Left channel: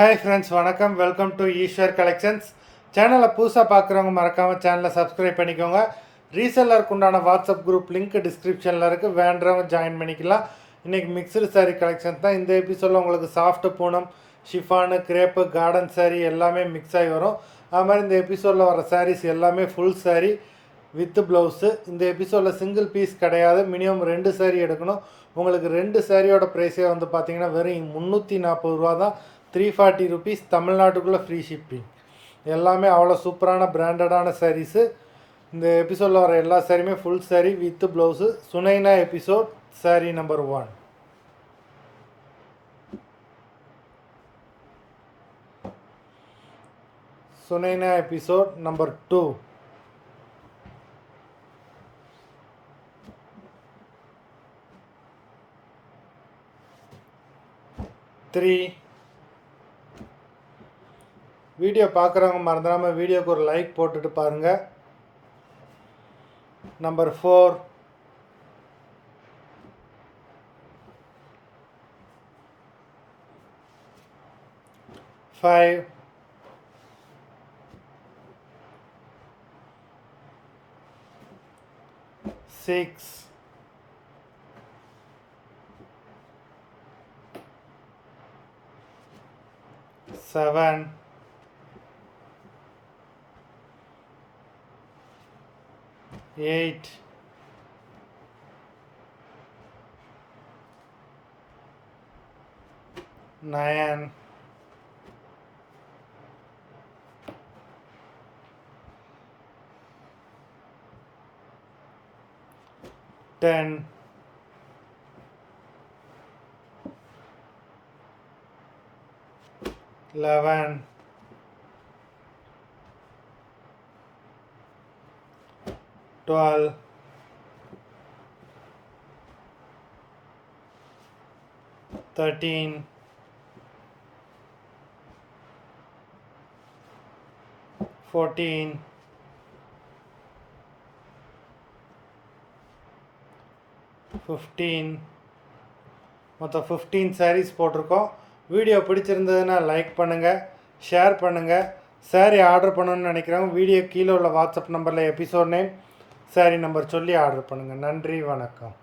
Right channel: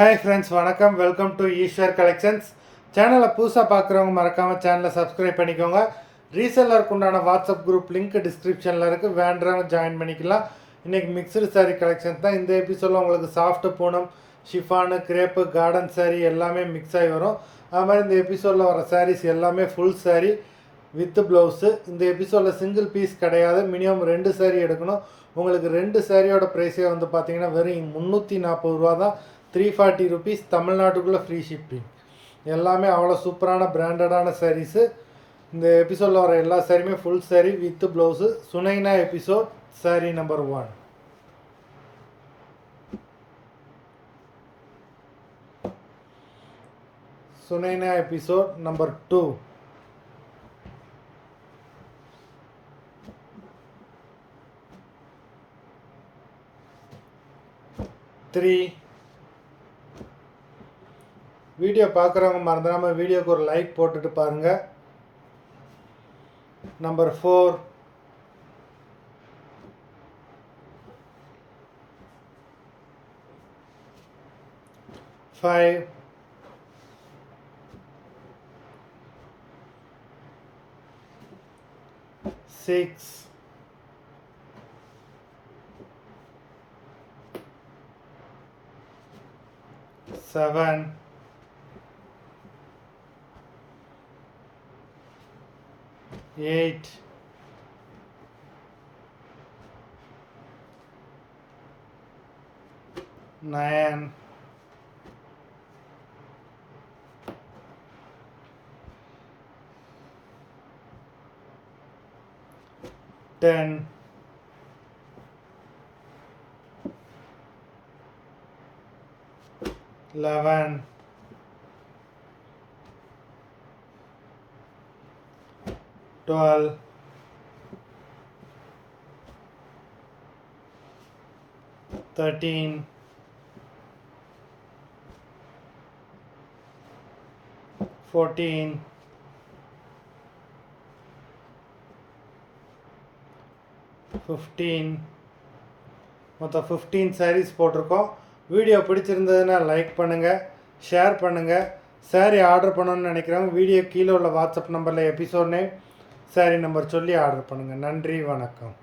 Hi friends, வணக்கம். Welcome to Eswar collections. சேனலை புதுசாக பார்க்குறவங்க மறக்காமல் சேனலை சப்ஸ்கிரைப் பண்ணிக்கோங்க. ரீசெல்லருக்கு உண்டான வாட்ஸ்அப் குரூப் லிங்க் டிஸ்கிரிப்ஷனில் இருக்குது, வேண்டுறவங்க ஜாயின் பண்ணிக்கலாம். இன்றைக்கி மிக்சடு சாரீ கலெக்ஷன்ஸ் தான். இந்த எபிசோடில் உங்களுக்கு soft Poonam, chiffon, crepe, garden sari எல்லாமே மிக்ஸ் ஆகி வரும். அது மாதிரி இந்த எபிசோடில் வர சாரீஸ் எல்லாமே ஃபுல் சாரீ வித் ப்ளவுஸு. இந்த எபிசோடில் சிங்கிள் பீஸ் கிடையாது, மினிமம் 2 சாரீ எடுக்கணும். உங்களுக்கு 2 சாரியோட ப்ரைஸே வந்து பார்த்திங்கன்னா வெறும் 340 ரூபா தான். 340 ருபீஸ், தமிழ்நாட்டுக்குள்ளே ஃப்ரீ ஷிப்பிங். எல்லாமே அவ்வளோ சூப்பரான பிராண்டடான சாரீஸு. இந்த எபிசோடில் வர எல்லா சாரியுமே full sari with blouse. Sunaina episode sari number 1. Sunaina episode number 2. Video பார்க்குறவங்க மறந்துடாமல் வீடியோக்கு ஒரு லைக் போட்டுட்டு பாருங்கள். நம்பர் 4. Five. 6. 7. 8. 9. 10. 11. 12. 13. 14. 15. மொத்தம் 15 சாரீஸ் போட்டிருக்கோம். வீடியோ பிடிச்சிருந்ததுன்னா லைக் பண்ணுங்கள், ஷேர் பண்ணுங்கள். சாரீ ஆர்டர் பண்ணணுன்னு நினைக்கிறவங்க வீடியோ கீழே உள்ள வாட்ஸ்அப் நம்பரில் எபிசோட் நேம், சாரீ நம்பர் சொல்லி ஆர்டர் பண்ணுங்கள். நன்றி, வணக்கம்.